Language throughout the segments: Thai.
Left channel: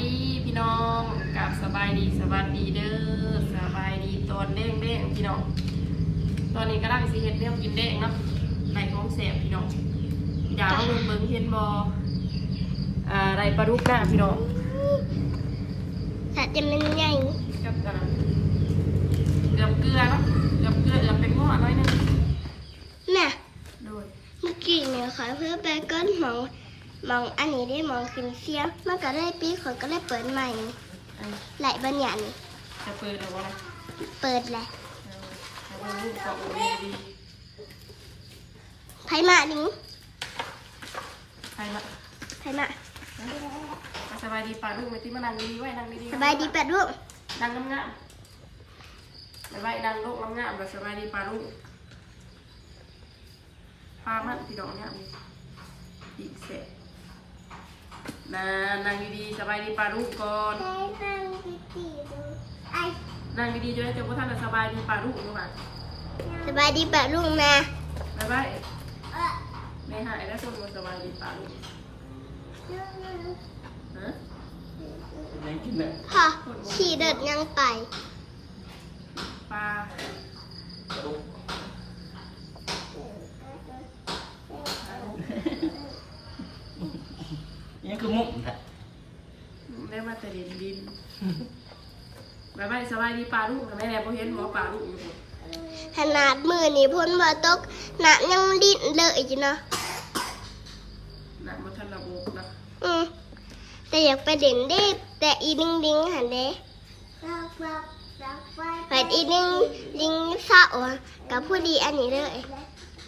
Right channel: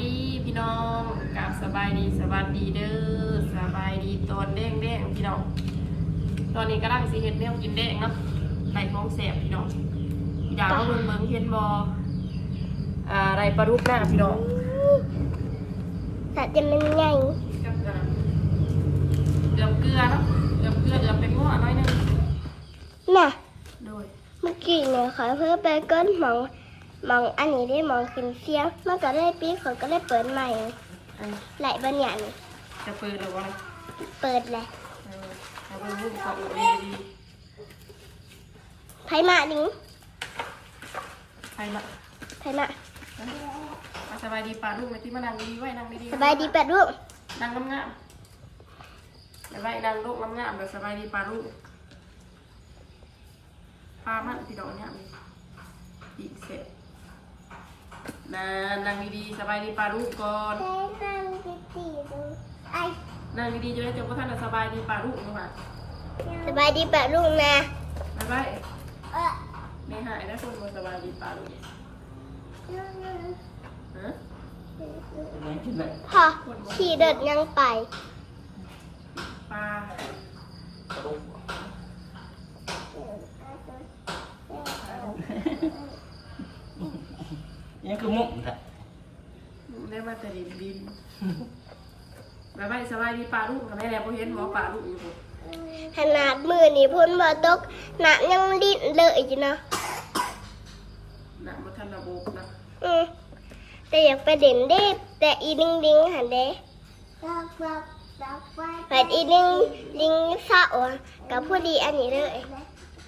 ดีพี่น้องกับสบายดีสวัสดีเด้อสบายดีตอนเด้งเด้งๆพี่น้อง ตอนนี้ก็ได้สิเฮ็ดแนวกินเด้งเนาะไก่ท้องแสบพี่น้องพี่ดาวเบิ่งเบิ่งเห็นบออ่าไรปลาดุกหน้าพี่น้องถ้าจะมันใหญ่กับอ่าเอือมเกลือเนาะเอือมเกลือเอือมเป็นง้อน้อยหนึงน่ะโดยเมื่อกี้เนี่ยขอเพื่อไปก้นหมองห มองอันนี้ได้หมองขึ้นเสียงมันก็ได้ปีขอยก็ได้เปิดใหม่อันไหลบัญญัติจะเปิดหรือว่าอะไรเปิดแหละเออเอาเบิ่งรูปของอุดีดีไผมาดิงใครมาไผมาอะสบายดีป่าลูกไหมที่มานั่งดีๆไว้นั่งดีๆสบายดีแปดลูกนั่งงามๆไปไว้นั่งลูกงามๆแบบสบายดีป่าลูกปลามันพี่ดอกเนี่ยมีอีกเสร็จ นั่นนั่งดีๆสบายดีป่าลูกก่อนได้นั่งดีๆดูไอนั่งดีๆจนได้จบว่าท่านจะสบายดีป่าลูกด้วยสบายดีแปดลูกนะบ๊ายบายเออไม่หายนะคนมาสบายดีป่าลูกฮะพอขี่เดิดยังไปปลา นี่คือมุกแหละได้มาแต่ดินดินบ๊ายบายสบายดีป่าลูกกับแม่แน่พอเห็นหมอป่าลูกอยู่ผมขนาดมือนี่พ้นบ่ตกหนักยังดิ้นเลยจีนะหนักมาทันระบบนะอืมแต่อยากไปเด่นได้แต่อีดิงดิงหันเด้แต่อีดิงดิงเศร้าอะกับผู้ดีอันนี้เลย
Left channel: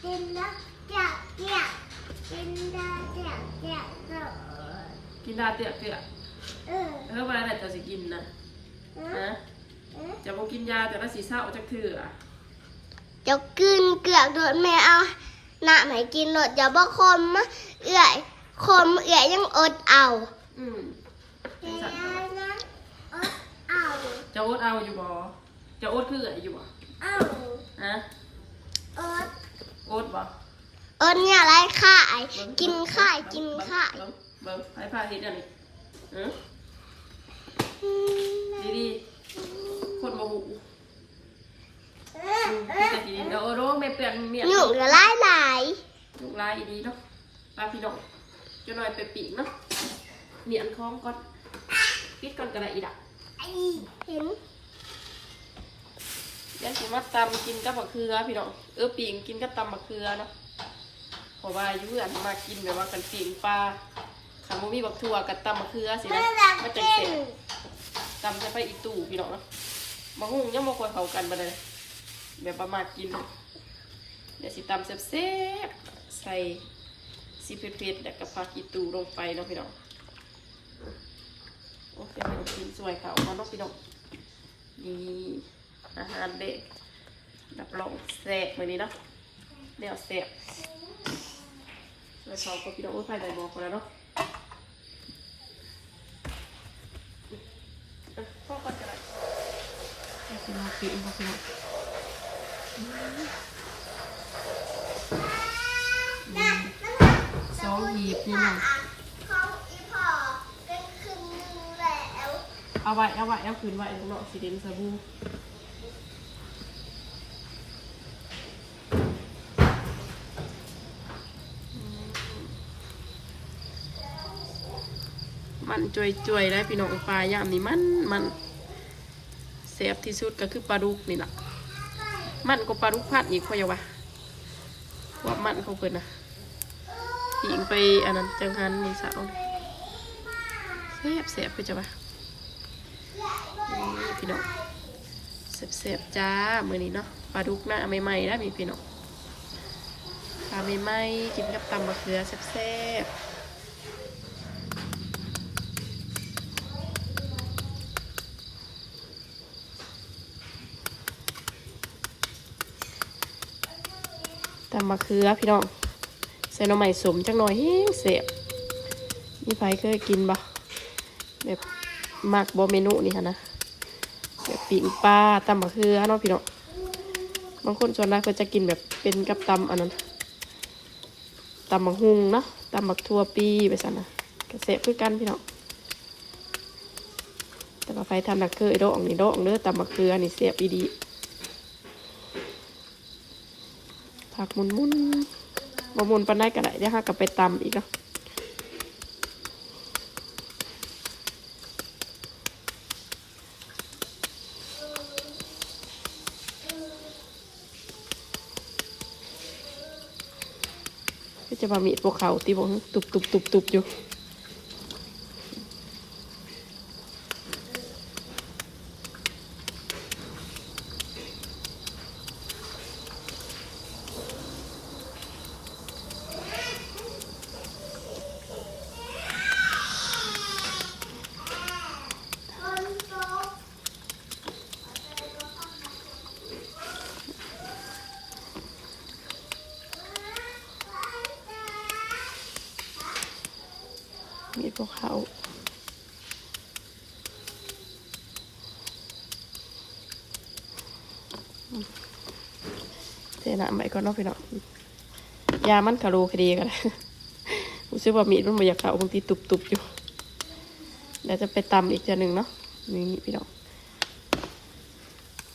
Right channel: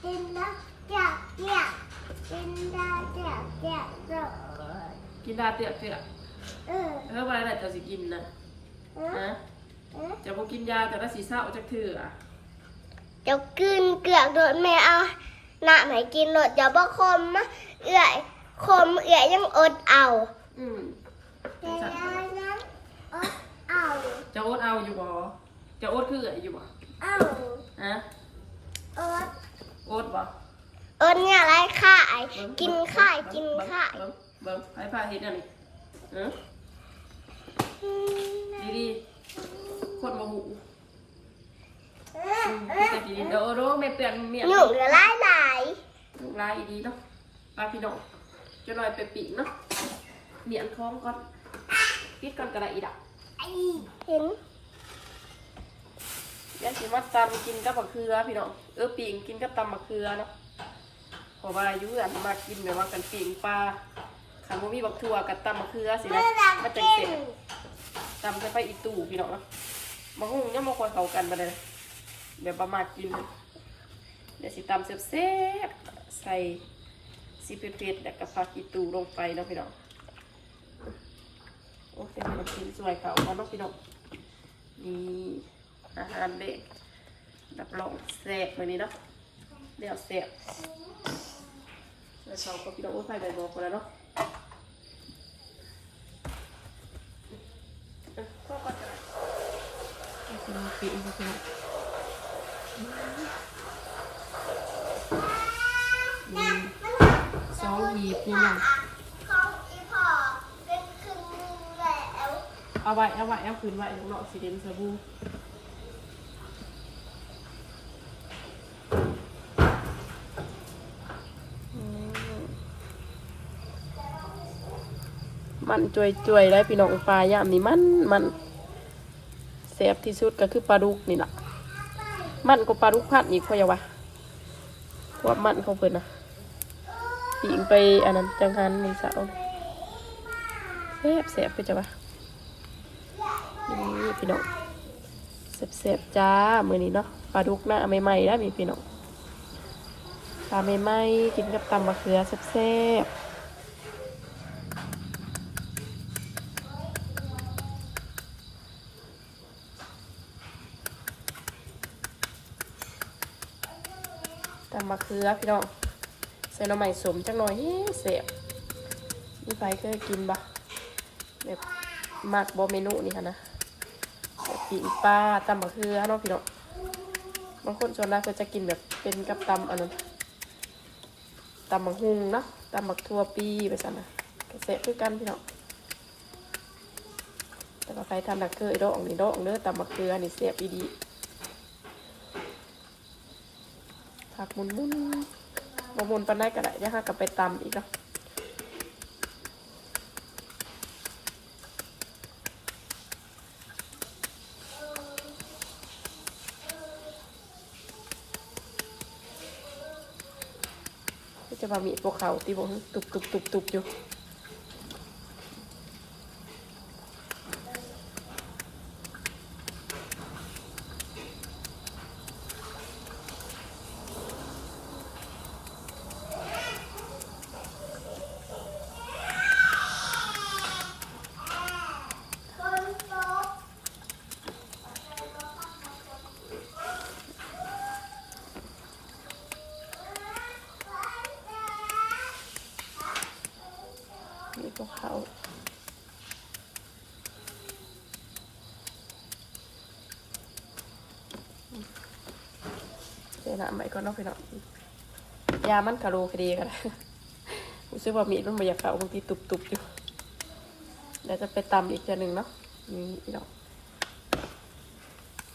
ดินนะเจ้าเจ้าดินดาเจ้าเจ้าเจ้า กินดาเตียเตียเออเออวันไหนจะสิกินนะเอฮะอจะบ่กินยาแต่ละสีเศร้าจักเถื่อเจ้ากินเกลือกโดดแม่เอาหน้าไหนกินโดดเดี๋ยวบ่คมมะเอื่อยคมเอื่อยยังอดเอา อืมแต่นั้นอดเอาจะอดเอาอยู่บ่จะอดคืออยู่บ่เอาฮะอดอดบ่อดเนี่ยอะไรข่ายเบิ่งกินข่ายเบิ่งกินเบิ่งข่าย เบิ่งเบิ่งให้พาเฮ็ดอันนี้เออดีๆคนบ่หูอืมแต่ดีๆเดี๋ยวโอ้โหไม่เปลี่ยนเมียหนุ่มละลายหลายลูกลายอีดีเนาะปลาพี่น้องจะหน่อยไปปีกเนาะเมียนคล้องก่อนปิดก่อนกระไรอีดักไอเห็นเดี๋ยวสิมาตำกินกับมะเขือพี่น้องเออปิ่งกินกับตำมะเขือเนาะเพราะว่าอายุอันมากินแบบว่ากันปิ่งปลา ขันบ่มีบักทั่วกับตำมะเขือสินะมาจังเสร็จตำใส่ไปอีตู่พี่น้องเนาะมะฮุ่งยังบ่ค่อยเข้ากันบ่ได้แบบประมาทกิน เดี๋ยวสิตำแซ่บๆใส่ซีเผ็ดๆแล้วก็ผักอีตู่ลงไปเนาะพี่น้องโอ้เดี๋ยวให้มันกินสวยเขามาเนาะพี่น้องนี่อาหารเด็กรับรองแซ่บมื้อนี้เนาะเดี๋ยวแซ่บสวยเขาก็พี่น้องโอ้ยใครได้บอกกันแล้วเนาะเออ พ่อก็จะได้เอาพี่น้องปิดเอาพี่น้องอืมสองหีบนี่นะเขาอีพอเป็นครึ่งนึงแล้วเอาไว้เอาไว้เอาคืนไว้เนาะสีเดนสบู่ มันจวยจวยๆได้พี่น้องปลายามนี่มันมันแสบที่สุดก็คือปลาดุกนี่แหละมันก็ปลาดุกพัดอีกพอยังวะพว่ามันเขาเปิดนะปิงไปอันนั้นจังหันนี่สาวนี่แสบแสบไปจ้ะวะนี่พี่น้องเสบๆจ้ามือนี้เนาะปลาดุกหน้าใหม่ๆได้มีพี่น้องปลาใหม่ๆกินกับตำมะเขือแซ่บๆ มะเขือพี่น้องใส่หน่อไม้สมจังหน่อยเฮ้ยเสียบนี่ไผเคยกินบ่แบบมักบ่เมนูนี่ค่ะนะแบบปิ่งปลาตำมะเขือเนาะพี่น้องบางคนส่วนมากก็จะกินแบบเป็นกับตำอันนั้นตำมะฮุงเนาะตำมะทั่วปีไปสั่นนะกระเสะคือกันพี่น้องแต่ปลาไปทำดักเกอร์ดอกนี่ดอกเนื้อตำมะเขือนี่เสียบดีผั มุนมุนบมุนปันได้กันไหนเดี๋ยวค่ะกลับไปตำอีกแล้วก็จะมามีพวกเขาตีบงตุบตุบตุบตุบอยู่ พวกเขาเทน้ำไปก่อนเนาะพี่น้องยามันคาโลคดีกันรู้สึกว่ามีดมันมาอยากเขาบางทีตุบๆอยู่เดี๋ยวจะไปตำอีกจานหนึ่งเนาะนี่พี่น้อง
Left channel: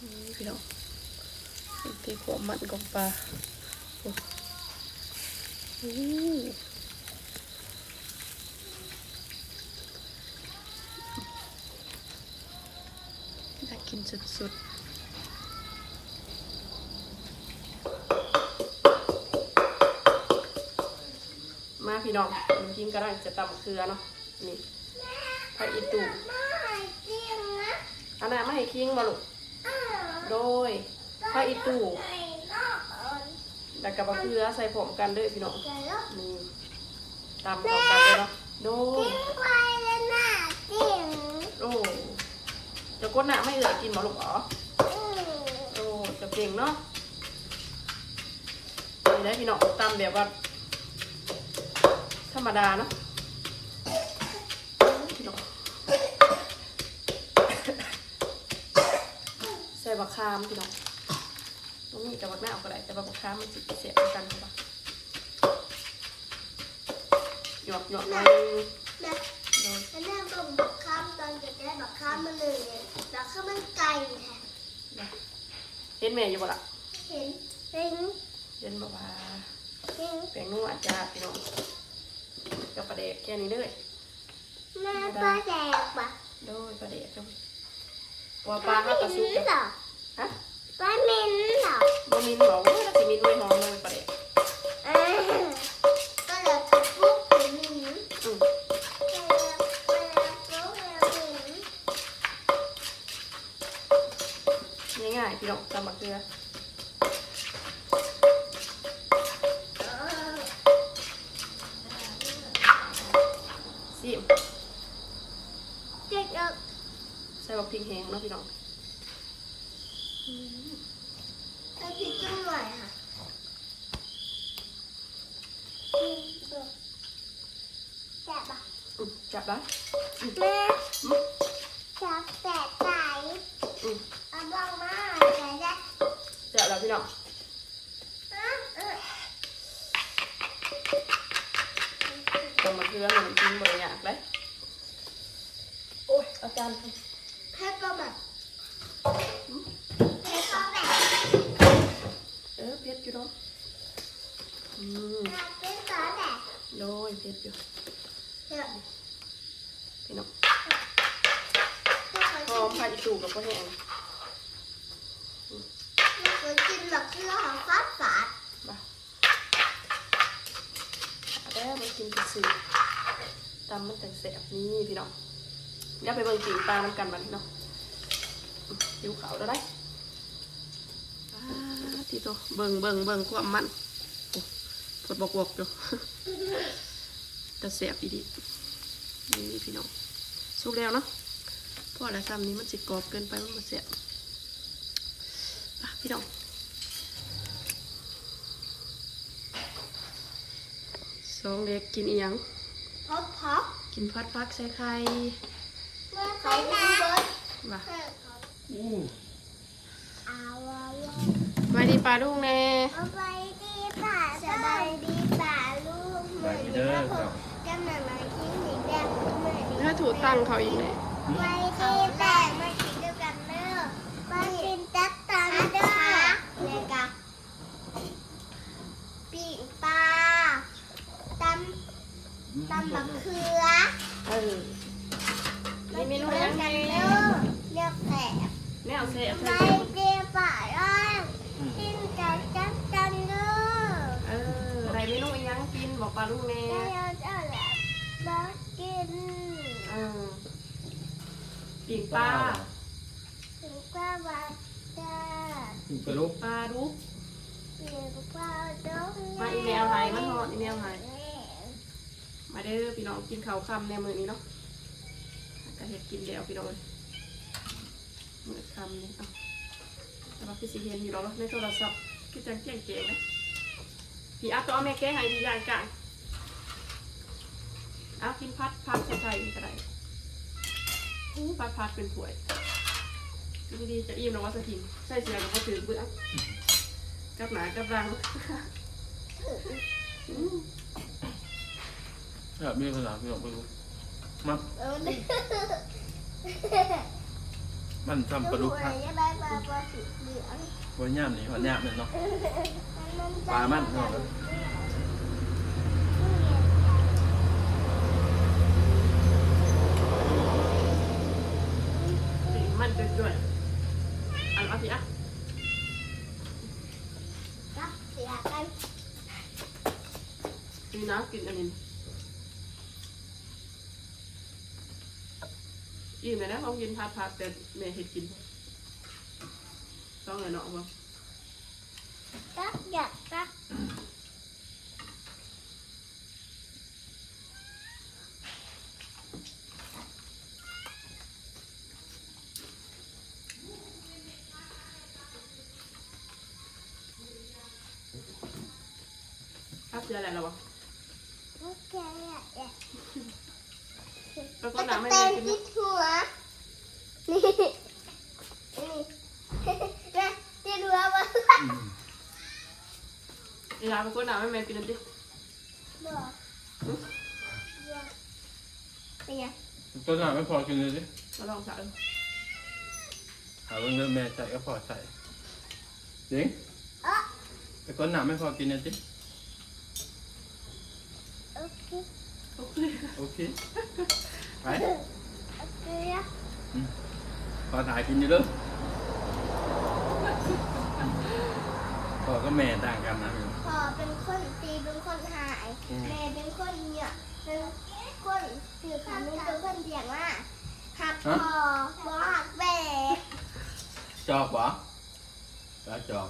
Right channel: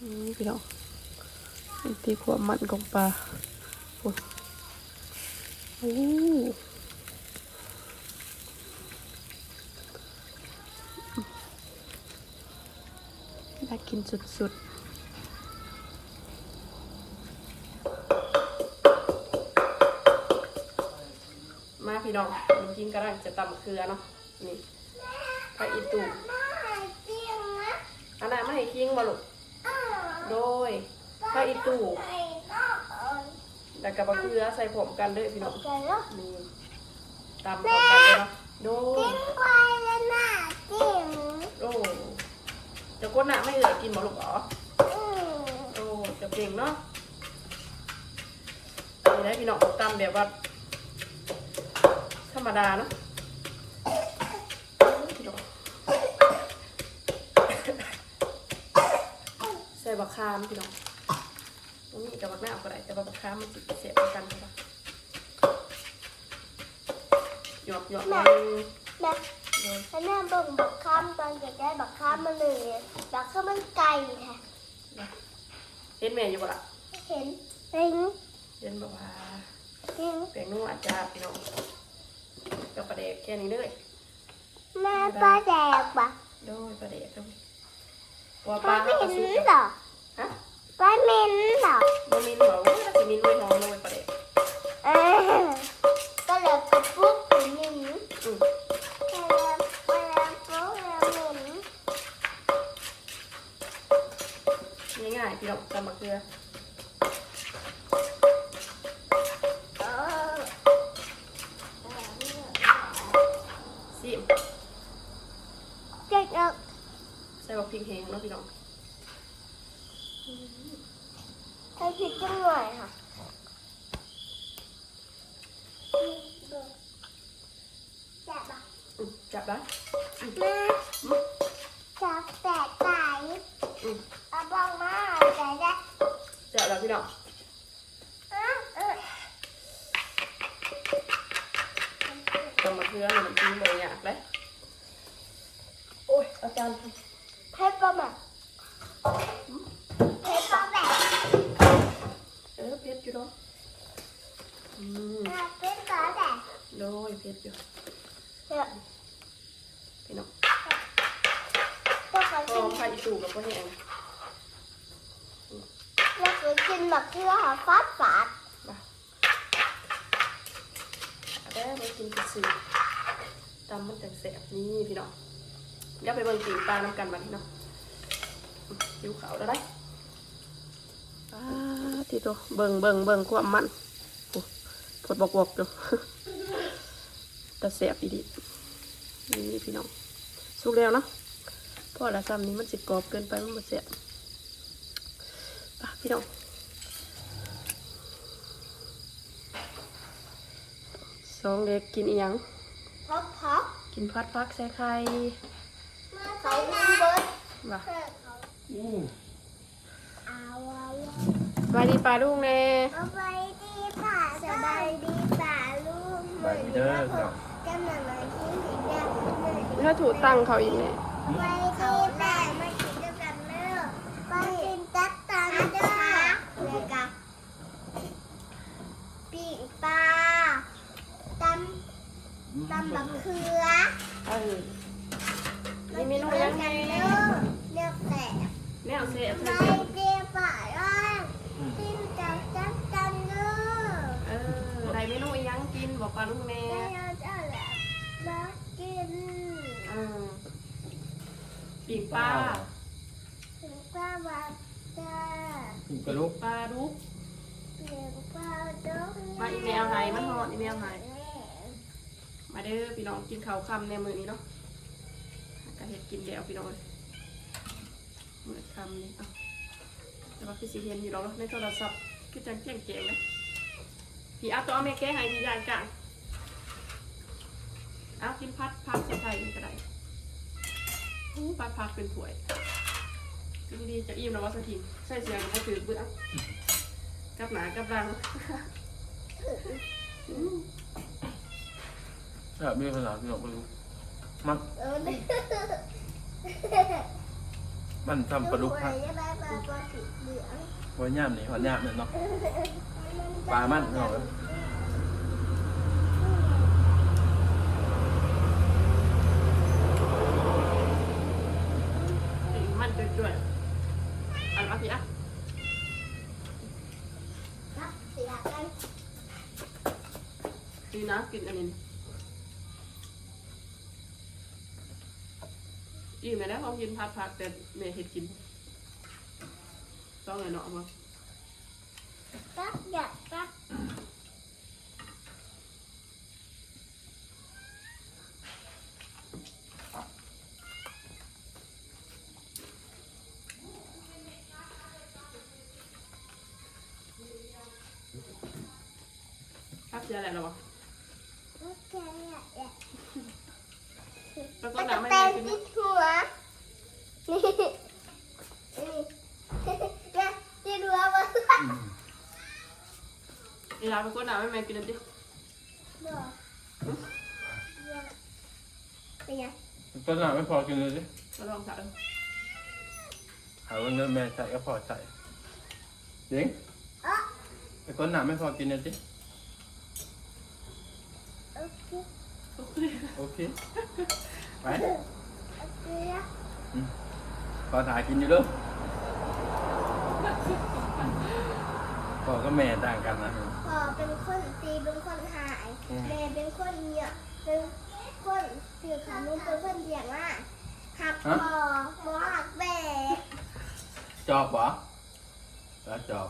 นี่พี่น้องนี่คือความมันของปลาโอ้โอ้น่า กินสุดๆมาพี่น้องหนูกินกระด้างจะตำเครือเนาะ นี่พระอีตูอันนั้นไม่ให้คิงมาลูกโดยพระอีตูแล้วกับบะเขือใส่ผมกันเด้วยพี่น้อง นี่ตำเข้ากันเลยเนาะ โดยโอ้ จะก้นหน้าไม่เหลือกินหมอลูกเหรอโอ้จะเก่งเนาะนี่ได้พี่น้องตำแบบว่าธรรมดาเนาะใส่บักคามพี่น้องตรงนี้กับบักหน้าเอาก็ได้แต่บักคามมันจิเสียบกันใช่ปะหยอกหยอกหน่อย โดยแล้วแม่เบิ่งบักข้ามตอนเด็กได้บักข้ามมาเลยบักข้ามมันไก่ค่ะเห็นแม่อยู่บ่ล่ะเห็นเห็นเห็นบอกว่าเห็นแปลงนัวอาจารย์พี่น้องกับประเดกแค่นี้เลยแม่ปลาแดกปะโดยประเดกครับว่าปลาเขากระซุกเหจ้ะรอฮะปลาเม็นเหรอบ่มินบอกว่าถ้าสิมินไว้ ส่บักพริกแห้งเนาะพี่น้องไปผิดจังหน่อยค่ะแซ่บปะอืมจับได้แม่อืมจับแต่ไก่อืมเอาบ้างมาแต่ได้จับแล้วพี่น้องตำมะเขือมันน้ำจิ้มบริยากเลยโอ้ยอาจารย์ทเผ็ดปะแบบเผ็ดปะแบบำเออเผ็ดอยู่เนาะอืมเผ็ดปะแบบโดยเผ็ดอยู่เนี่ยพี่น้องพวกเราหอมผัดอีตูกับพ่อแห้งเราเคยกินแบบที่เราหาฟาดฟาดบ่าเอาได้ไปกินกับสื่อตำมันแต่แสบนี่พี่น้อง เดี๋ยวไปเบิ่งสีปลาน้ำกันบัดนี้เนาะอืมหิวขาวแล้วได้อ่าที่ตัวเบิ่งเบิ่งเบิ่งความมันโอ้พดบอกบอกอยู่แต่แสบอีดีนี่พี่น้องสุกแล้วเนาะเพราะละซ้ำนี้มันสิกรอบเกินไปมันบ่แสบอะพี่น้องสองเด็กกินอีหยังพับพับกินพัดฟักใส่ไข่ เขากินเบิร์ดว่ะอู้เอาเอาเอาสวัสดีปลาลูกแน่เอาไปดีป่าสบายดีป่าลูกไปเด้อครับจำหน่ายมาที่สีแดงเหมือนถ้าถูกตั้งเขาอีกเนี่ยเไปที่แต่มากินด้วยกันเนอะไปกินจักตันเด้อเลยกะปีกปลาตำตำบักเขือเออ มีเมนูยังไงเด้อเรียกแผลแนวเซ่บไปใส่เรียป่าร้อยกินจักจักตันเด้อเอออะไรเมนูอีหยังกินบอกปลาลูกแม่เราจะแหลบมากินเออปีกปลาถึงปลาบักจ้ากินกระลุกปลาดุกถึงปลาดงมาอีเมลให้มันฮอดอีเมลให้มาเด้อพี่น้องกินข้าวค่ำในมื้อนี้เนาะ ก็เฮ็ดกินเดี๋ยวพี่น้องเลยมื้อคำนี่เอาแต่ว่าคือสิเห็นอยู่ดอกในโทรศัพท์คือจังแจ้งเจ๋งนะพี่อาตัวแม่แก้ให้พี่ยางกลางเอากินพัดพัดใส่ใส่ก็ได้อู้พัดพัดเป็นถ้วยกินดีๆจะอิ่มแล้วว่าสถิงใส่เสียงก็ถือเบื้องกับหนากับรังอืมแบบมีภาษาพี่น้องกระลุก มันเออมันทำกระลุกครัฮะบจะได้ปลาปลาสีเหลืองวันย่ามนี่วันย่ามเนี่ยเนาะปลามันเนาะสีมันจ่วยๆอันเอาสิอะ รับเสียกัน นี่นะกินอันนี้ อิ่มเลยนะเขากินพัดพัดแต่แม่เห็ดกินต้องไงเนาะมั้งรับอยากรับพัดเจออะไรแล้ววะโอเคอะอยากแล้วก็น้ำไม่แตแม่งกินที่หัวนี่นี่เนี่ยที่หัวมัน อืม เวลาไปก็น้ำไม่แม่กินนั่นดิบอกเป็นไงต้นหนาไม่พอกินเลยสิมาลองสั่งหาว่าเงินแม่ใส่ก็พอใส่จริงอ๋อแต่ก้นหนาไม่พอกินเลยสิโอเคโอเคโอเคไปโอเคอะอืมพอถ่ายกินอยู่เด้อ พอก็แม่ต่างกันนะพ่อเป็นคนตีเป็นคนหายอืมแม่เป็นคนเนี่ยเป็นคนคือขานุนเป็นคนเดียงว่าหักพ่อบ่หักแม่จอบเหรอแล้วจอบ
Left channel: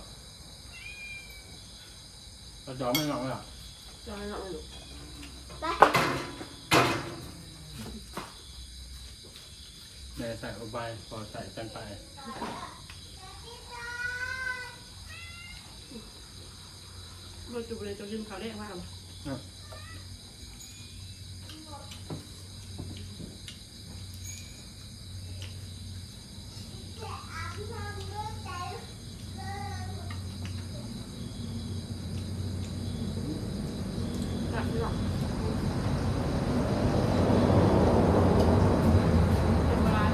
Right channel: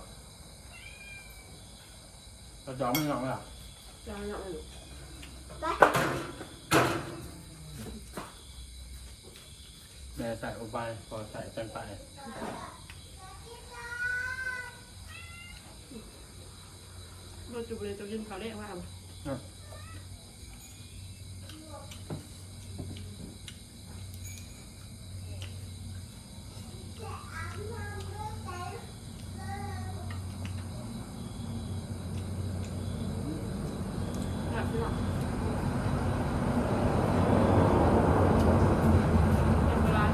แล้วจอบไม่งอกเหรอจะให้น้องอยู่ไปแม่ใส่อุบายพอใส่กันไป เมื่อจุบเลยจะกินข้าวแรกมาครับพี่น้องกินปลา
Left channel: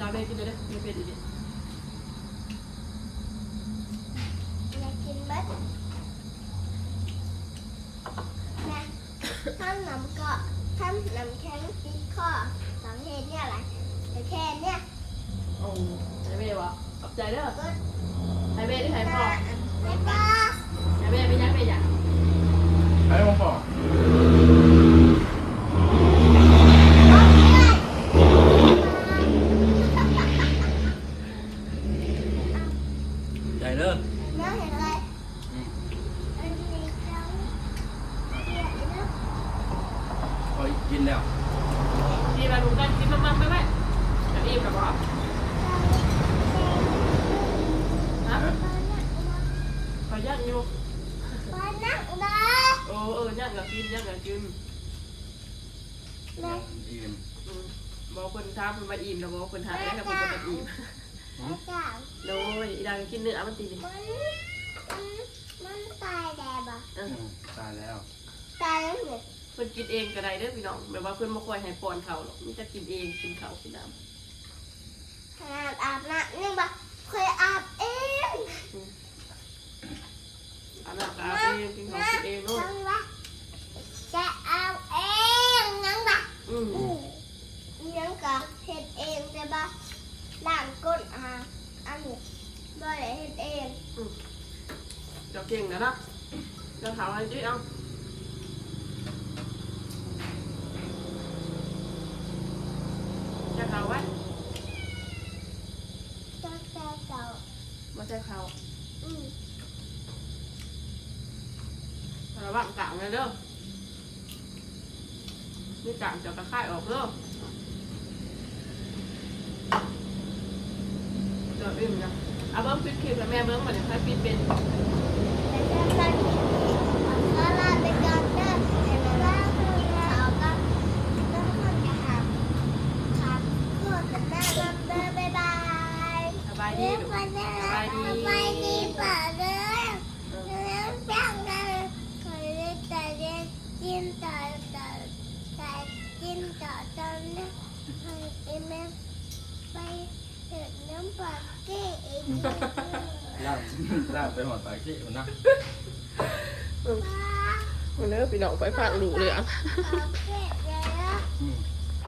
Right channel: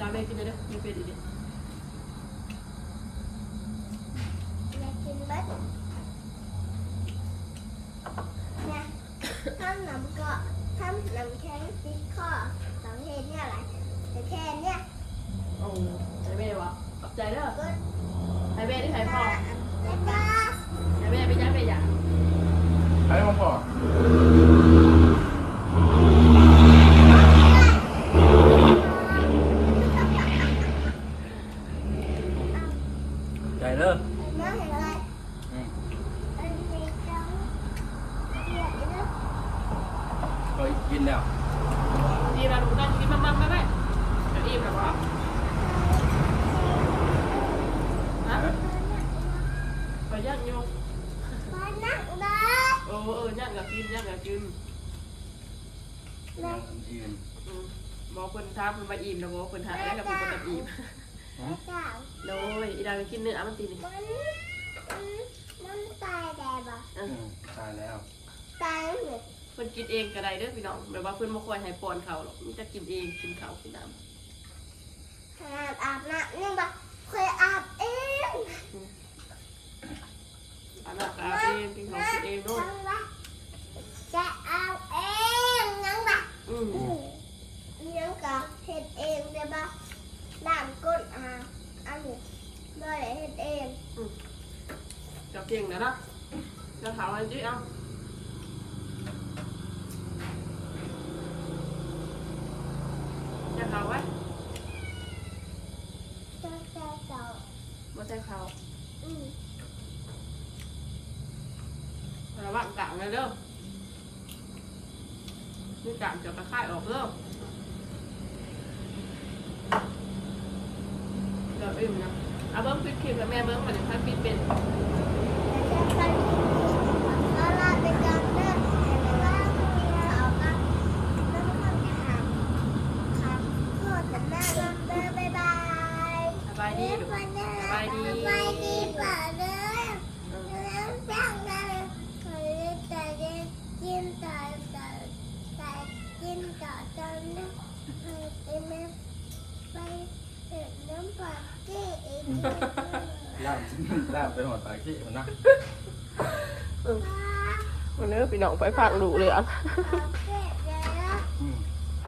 ดาวเบกินเลยเด้อไม่เป็นอีกดิ อยากกินเบ็ดนะ ทำน้ำก็ทำน้ำแข็งติดคอสองเทนเนี่ยอะไรแต่แค่เนี่ยโอ้ไฮเบ้วะขอบใจเด้อก็ไฮเบ้ที่ไฮพ่อไม่ป้าไฮเบ้ไม่ยักไม่อยากไอ้ผมพอใจเด้อ น้าเห็นอะไร อืม อันนี้จังเดี๋ยวนะ พอ กินแล้วดีมาลุงกันกินมั่งๆไหมไหมเดี๋ยวอิ่มกับว่าฮะขอยักอยู่ไปนั่งนะเออเออยักกับกินยักกับกินนะอิ่มอืมบอกคนท้ามคนมาอิ่มแล้วบอกคนหายแล้วคนมาอิ่มอืมเจ้าโดยอีดังกินเนื้อมันตีนี่มันมันมันตายแดดอะเออือมตายแล้วตายแล้วเหรอ พิ่นกินเองก็ได้เด้อพี่น้องแบบว่าเพิ่นบ่ค่อยให้ป้อนเขาวหรอกมันจะกินเองกินข้าวกินน้ำขนาดอาบน้ำนี่บอกเคยอาบเองอืมอาบน้ำก็อาบเองกินข้าวกินเองด้วยยังบะจะอาบเองยังบะอืมอืมยังก็เฮ็ดเองได้บะล้างก้นอาบอันนี้บ่ได้เฮ็ดเองอืมเจ้าเก่งนะนะเจ้าถามอะไรจีเอา จะข่าวไว้จะแค่เก่าไม่ใช่ข่าวอืมระวังกลางเลยเด้อนี่กลางจะกระค่ายออกเด้อเดี๋ยวอิ่มนะเอาเบิ้งปิดคลิปแล้วแม่เบิ้งมาเดี๋ยวค่อยปิดเป็น แต่จะตอนกินก็ลาไปก่อนเด้อแต่ว่าเขาก็ต้องทำอาหารครับเพื่อจะได้รับเด้อบ๊ายบาย สบายดีดูสบายดี สบายดีป่ะเด้อ เออ แล้วจังเลยเคยได้แต่เย็นกินต่อต่อแต่กินต่อตอนนั้นเคยไปแม่ไปเห็นน้ำปลาเก้เอง ล่ามล่ ที่มันนะ เออเนื้อพี่น้องไปฝากดูเลยอะ